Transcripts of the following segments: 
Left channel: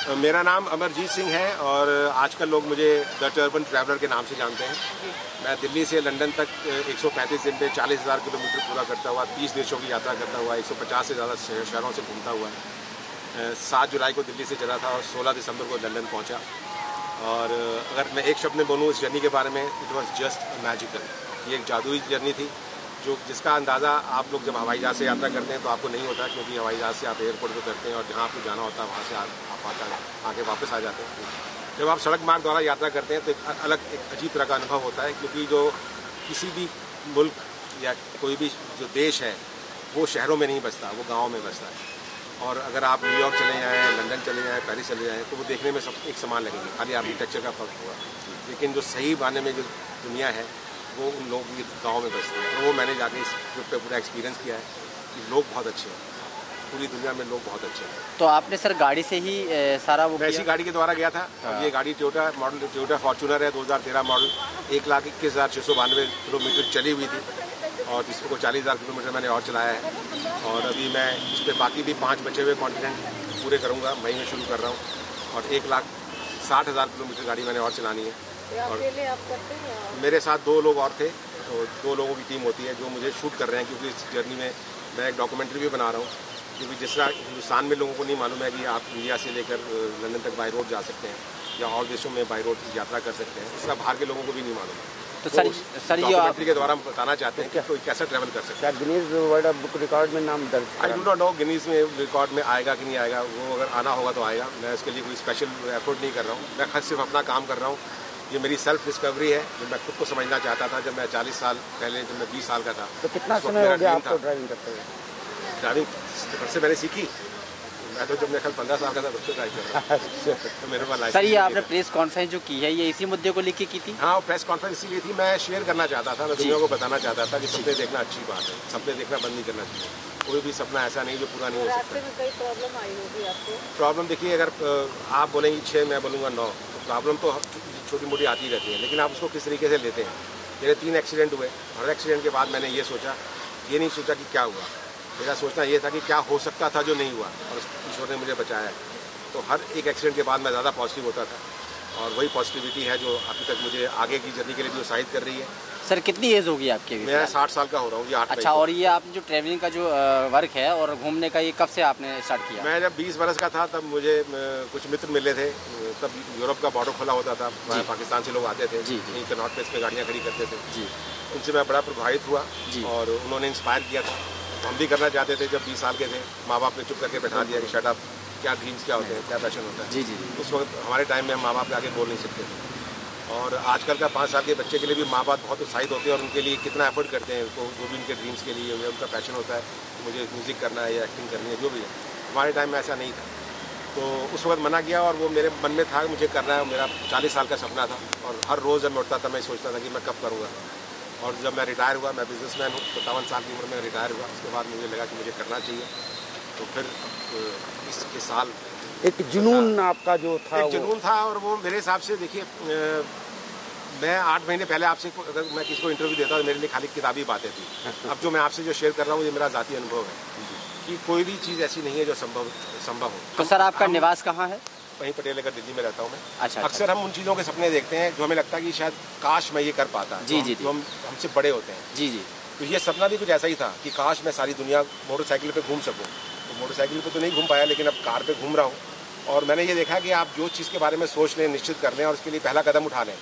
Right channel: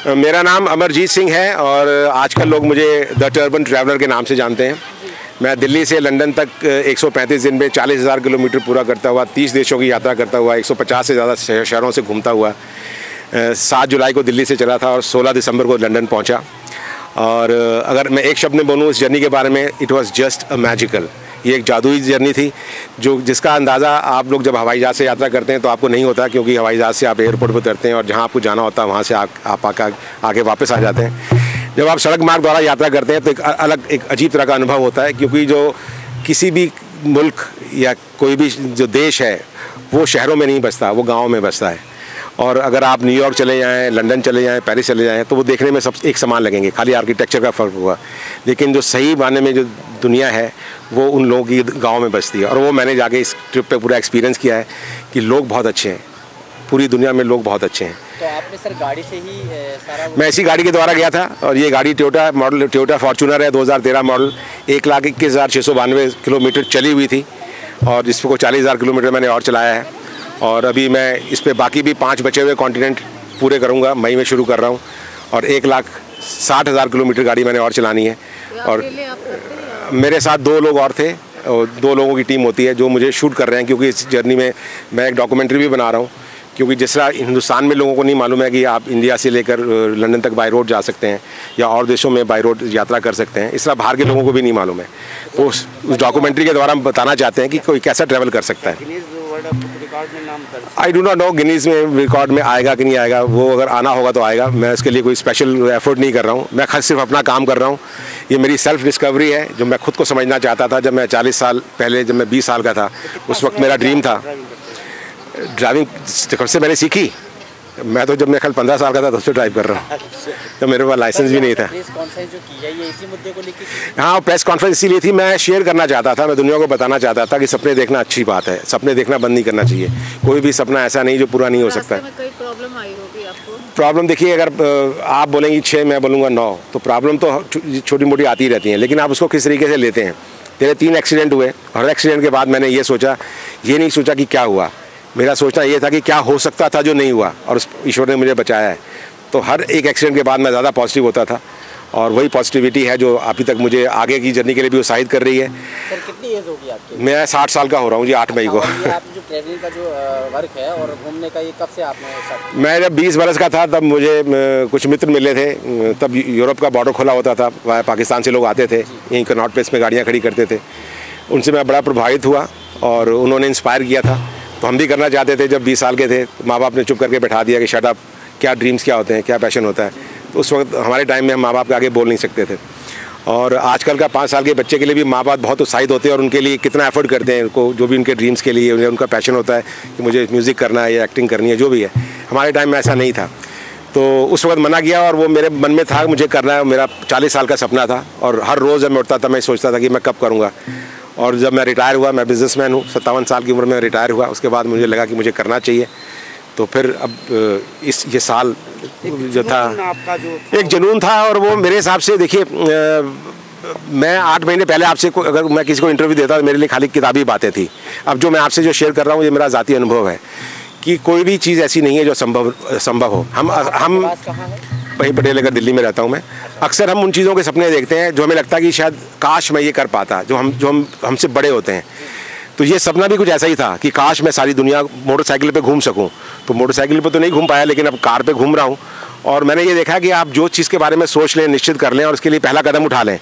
मेरा नाम अमरजीत सिंह है और आजकल लोग मुझे द टर्बन ट्रैवलर के नाम से जानते हैं। मैं दिल्ली से लंदन तक 135 दिन में 40,000 किलोमीटर पूरा करता हुआ 30 देशों की यात्रा करता हुआ 150 से ज़्यादा शहरों से घूमता हुआ 7 जुलाई को दिल्ली से चला था और 16 दिसंबर को लंदन पहुंचा। और अगर मैं एक शब्द में बोलूँ इस जर्नी के बारे में, it was just a magical. ये एक जादुई जर्नी थी जिसका अंदाज़ा आप लोग जब हवाई जहाज़ से यात्रा करते हैं तो आपको नहीं होता, क्योंकि हवाई जहाज़ से आप एयरपोर्ट पर उतरते हैं और जहाँ आपको जाना होता है वहाँ से आप आके वापस आ जाते हैं। जब आप सड़क मार्ग द्वारा यात्रा करते हैं तो एक अजीब तरह का अनुभव होता है, क्योंकि जो किसी भी मुल्क या कोई भी जो देश है वो शहरों में नहीं बसता, वो गाँव में बसता है। और अगर आप न्यूयॉर्क चले जाएँ, लंदन चले जाएँ, पेरिस चले जाएँ तो वो देखने में सब एक समान लगेंगे, खाली आर्किटेक्चर का फ़र्क हुआ। लेकिन जो सही मायने में जो दुनिया है वो उन लोगों की गांव में बसती है। और वो मैंने जाके इस ट्रिप पे पूरा एक्सपीरियंस किया है कि लोग बहुत अच्छे हैं, पूरी दुनिया में लोग बहुत अच्छे हैं। तो आपने सर गाड़ी से ही सारा? मैं इसी गाड़ी के द्वारा गया था और ये गाड़ी टोयोटा फॉर्च्यूनर है, 2013 मॉडल, 1,21,692 किलोमीटर चली हुई थी और जिसको 40,000 किलोमीटर मैंने और चलाया है। और अभी मैं इस पर बाकी भी 5 बचे हुए कॉन्टिनेंट पूरे करूँगा, मई में शुरू कर रहा हूँ। और 1,60,000 किलोमीटर गाड़ी मैंने और चलानी है। और मेरे साथ 2 लोग और थे और 2 लोगों की टीम होती है जो मुझे शूट कर रहे हैं, क्योंकि इस जर्नी में मैं एक डॉक्यूमेंट्री भी बना रहा हूँ। क्योंकि जिस तरह हिंदुस्तान में लोगों को नहीं मालूम है कि आप इंडिया से लेकर लंदन तक बाय रोड जा सकते हैं या और देशों में बाय रोड यात्रा कर सकते हैं, इस तरह बाहर के लोगों को भी नहीं मालूम है। तो उस डॉक्यूमेंट्री के द्वारा हम बताना चाहते हैं कि कोई कैसा ट्रैवल कर सकता है। I do not know Guinness में रिकॉर्ड में आएगा कि नहीं आएगा, वो अगर आना होगा तो आएगा। मैं इसके लिए कोई स्पेशल एफर्ट नहीं कर रहा हूँ, मैं खास सिर्फ अपना काम कर रहा हूँ। ये मेरी सेल्फ डिस्कवरी है जो मैं खुद को समझना चाहता था। जब मैं 40 साल पहले, जब मैं 20 साल का था, उस वक्त मेरा ड्रीम था ड्राइविंग। कब से मैंने सीखी? मैं तो जब मैं कल 15 साल का था तब से ड्राइव कर रहा हूँ, तो मेरे पास लाइसेंस भी नहीं था। प्रेस कॉन्फ्रेंस जो की है ये इसी मुद्दे को लेकर की थी? हाँ, प्रेस कॉन्फ्रेंस इसीलिए थी, मैं शेयर करना चाहता था, मैं दुनिया को बताना चाहता था कि सपने देखना अच्छी बात है, सपने देखना बंद नहीं करना चाहिए। कोई भी सपना ऐसा नहीं जो पूरा नहीं हो सकता है। प्रॉब्लम देखिए, अगर आप बोलेंगे 6, मैं बोलूँगा 9, तो प्रॉब्लम तो छोटी मोटी आती ही रहती हैं, लेकिन आप उसको किस तरीके से लेते हैं। मेरे 3 एक्सीडेंट हुए, हर एक्सीडेंट के बाद मैंने ये सोचा, ये नहीं सोचा कि क्या हुआ, मेरा सोचना ये था कि क्या हो सकता था जो नहीं हुआ, और ईश्वर ने मुझे बचाया है। तो हर एक एक्सीडेंट के बाद मैं ज़्यादा पॉजिटिव होता था और वही पॉजिटिविटी है जो अभी तक मुझे आगे की जर्नी के लिए भी उत्साहित कर रही है। सर कितनी एज होगी आपकी? मैं 60 साल का हो रहा हूँ जी, 8 मई को। और ये आप जो ट्रैवलिंग का जो वर्क है और घूमने का, ये कब से आपने स्टार्ट किया? मैं जब 20 बरस का था तब मुझे कुछ मित्र मिले थे, तब यूरोप का बॉर्डर खुला होता था, पाकिस्तान से लोग आते थे, यहीं कनॉट प्लेस में गाड़ियाँ खड़ी करते थे। उनसे मैं बड़ा प्रभावित हुआ और उन्होंने इंस्पायर किया था, तो हम भी करना चाहते थे। जब 20 साल के थे, माँ बाप ने चुप करके बैठा दिया कि शट अप, क्या ड्रीम्स क्या होते हैं, क्या पैशन होता है। तो उस वक्त हमारे टाइम में हम माँ बाप के आगे बोल नहीं सकते थे। और आजकल का 5 साल के बच्चे के लिए भी माँ बाप बहुत उत्साहित होते हैं और उनके लिए कितना एफर्ट करते हैं, उनको जो भी उनके ड्रीम्स के लिए उनका पैशन होता है कि मुझे म्यूज़िक करना है या एक्टिंग करनी है, जो भी है। हमारे टाइम में ऐसा नहीं था, तो उस वक्त मना किया और वो मेरे मन में था मुझे करना है। मेरा 40 साल का सपना था और हर रोज़ जब मैं उठता था मैं सोचता था कि मैं कब करूँगा। और जब मैं रिटायर हुआ, मैं बिजनेसमैन हूँ, 57 साल की उम्र में रिटायर हुआ, उसके बाद मुझे लगा कि मुझे करना चाहिए। तो फिर अब ये साल जो था एक जुनून था और वो मेरे हिसाब से, देखिए मैं 8 महीने पहले आपसे अगर मैं किसी को इंटरव्यू देता तो मेरे लिए खाली किताबी बातें थी। अब जो मैं आपसे जो शेयर कर रहा हूँ ये मेरा ज़ाती अनुभव है कि कोई भी चीज़ ऐसी नहीं है जो संभव हो। हम वहीं पटेल नगर दिल्ली में रहता हूँ मैं। अक्सर हम उन चीज़ों के सपने देखते हैं जो हमें लगता है कि शायद काश मैं ये कर पाता, जो हमसे बड़े होते हैं। तो ये सपना भी कुछ ऐसा ही था कि काश मैं सारी दुनिया मोटरसाइकिल पे घूम सकूं। तो मोटरसाइकिल पे तो नहीं घूम पाया, लेकिन अब कार पे घूम रहा हूँ। और मैंने ये देखा कि आप जो चीज़ के बारे में सोच लें, निश्चित कर लें और उसके लिए पहला कदम उठा लें,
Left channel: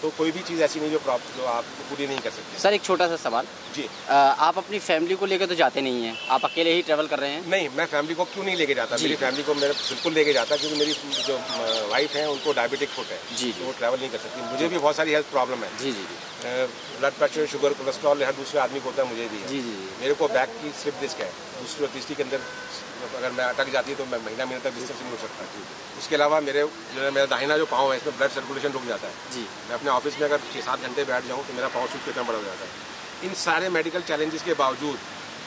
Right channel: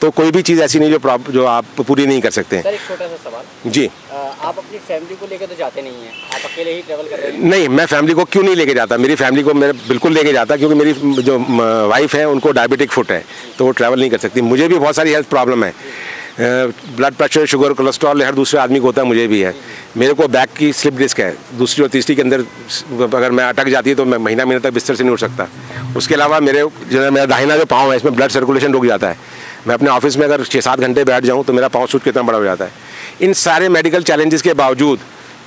तो कोई भी चीज़ ऐसी नहीं जो आप पूरी नहीं कर सकते। सर एक छोटा सा सवाल जी, आप अपनी फैमिली को लेकर तो जाते नहीं हैं, आप अकेले ही ट्रैवल कर रहे हैं? नहीं, मैं फैमिली को क्यों नहीं लेके जाता, मेरी फैमिली को मैं बिल्कुल लेके जाता, क्योंकि मेरी जो वाइफ है उनको डायबिटिक फुट है, तो वो ट्रैवल नहीं कर सकती। मुझे भी बहुत सारी हेल्थ प्रॉब्लम है, ब्लड प्रेशर, शुगर, कोलेस्ट्रॉल हर दूसरे आदमी को होता है, मुझे भी है। मेरे को बैक की स्लिप डिस्क है, दूसरी और तीसरी के अंदर अगर मैं अटक जाती है तो मैं महीना तक बिस्तर से नहीं उठ सकता। उसके अलावा मेरा दाहिना जो पाँव है इसमें ब्लड सर्कुलेशन रुक जाता है। मैं अपने ऑफिस में अगर 6-7 घंटे बैठ जाऊँ तो मेरा पाँव सूज कितना बड़ा हो जाता है। इन सारे मेडिकल चैलेंजेस के बावजूद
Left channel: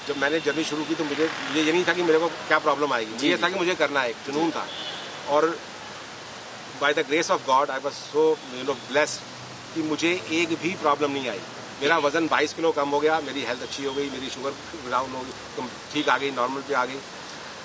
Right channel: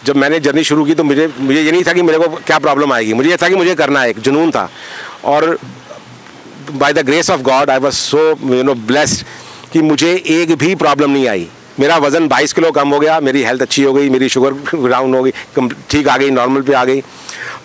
जब मैंने जर्नी शुरू की तो मुझे ये नहीं था कि मेरे को क्या प्रॉब्लम आएगी, मुझे ये था कि मुझे करना है, एक जुनून था। और by the grace of God I was so blessed कि मुझे एक भी प्रॉब्लम नहीं आई। मेरा वज़न 22 किलो कम हो गया, मेरी हेल्थ अच्छी हो गई, मेरी शुगर डाउन हो गई, ठीक आ गई, नॉर्मल पे आ गई।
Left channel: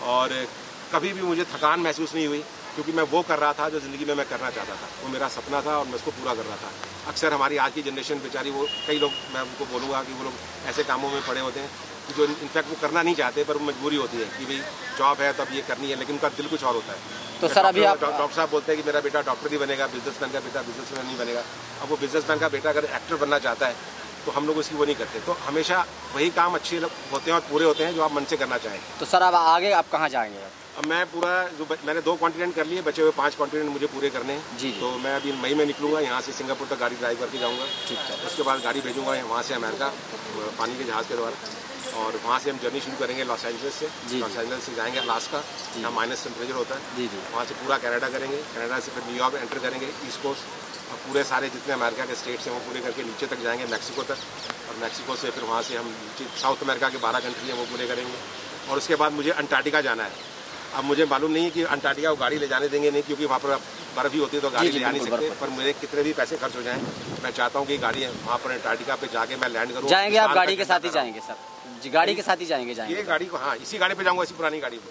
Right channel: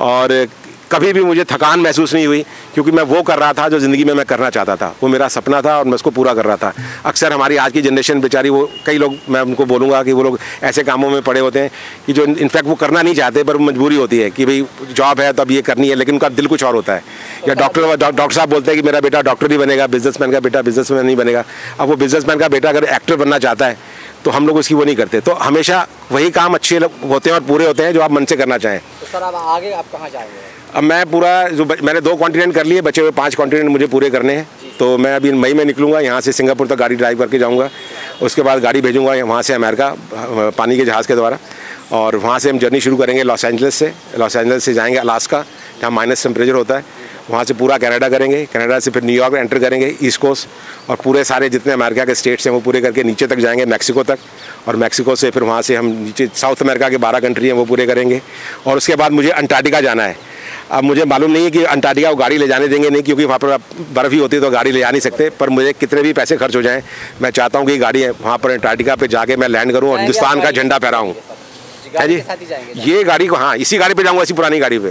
और कभी भी मुझे थकान महसूस नहीं हुई, क्योंकि मैं वो कर रहा था जो ज़िंदगी में मैं करना चाहता था। वो मेरा सपना था और मैं उसको पूरा कर रहा था। अक्सर हमारी आज की जनरेशन बेचारी, वो कई लोग, मैं उनको बोलूँगा कि वो लोग ऐसे कामों में पड़े होते हैं कि जो इनफैक्ट वो करना नहीं चाहते, पर मजबूरी होती है कि भाई जॉब है तो अब ये करनी है, लेकिन उनका दिल कुछ और होता है। या डॉक्टर साहब बोलते हैं कि मेरा बेटा डॉक्टर ही बनेगा, बिजनेसमैन का बेटा बिजनेसमैन नहीं बनेगा। अब वो बिजनेसमैन का बेटा अगर एक्टर बनना चाहता है तो हम लोग उसकी वो नहीं करते। तो हमेशा वही काम अच्छे होते हैं और पूरे होते हैं जो आप मन से करना चाहें। तो सर अब आगे आप कहाँ जाएंगे? अब मैं पूरा जो मैंने 2 कॉन्टिनेंट कर लिए, बचे हुए 5 कॉन्टिनेंट मुझे पूरे करने हैं। तो मैं अभी मई में निकलूंगा, यहाँ से सिंगापुर तक गाड़ी ड्राइव करके जाऊँगा। उसके बाद गाड़ी भेजूँगा वहाँ से अमेरिका पानी के जहाज़ के द्वारा, और वहाँ से हम जर्नी शुरू करेंगे लॉस एंजल्स से। लॉस एंजल्स से जाएंगे अलास्का, जहाँ माइनस टेम्परेचर होता है। वहाँ से पूरा कनाडा करेंगे, कनाडा से फिर न्यूयॉर्क एंटर करेंगे ईस्ट कोस्ट, और पूरे सारे जितने अमेरिका के स्टेट्स हैं वो पूरे करके नीचे तक जाएंगे मैक्सिको तक, और मैक्सिको से फिर वहाँ से हम नीचे साउथ अमेरिका के 12 कंट्री हैं वो पूरे करेंगे। और उसके बाद मुझे अंटार्कटिका जाना है। अब मुझे मालूम नहीं है कि अंटार्कटिका को गाड़ी ले जाने देंगे नहीं, क्योंकि वहाँ पर बर्फ़ ही होती है तो गाड़ी ले जा नहीं सकते। पर मुझे कितने भी पैसे खर्च हो जाएं, मैं चाहता हूँ कि गाड़ी है वहाँ पर अंटार्कटिका पे जाके मैं लैंड करूँ और हिंदुस्तान का झंडा फहराऊँ। गाड़ी के साथ ही जाएंगे? ये गाड़ी को, हाँ, इसी गाड़ी पे जाऊँगा, इसी पुरानी गाड़ी पे।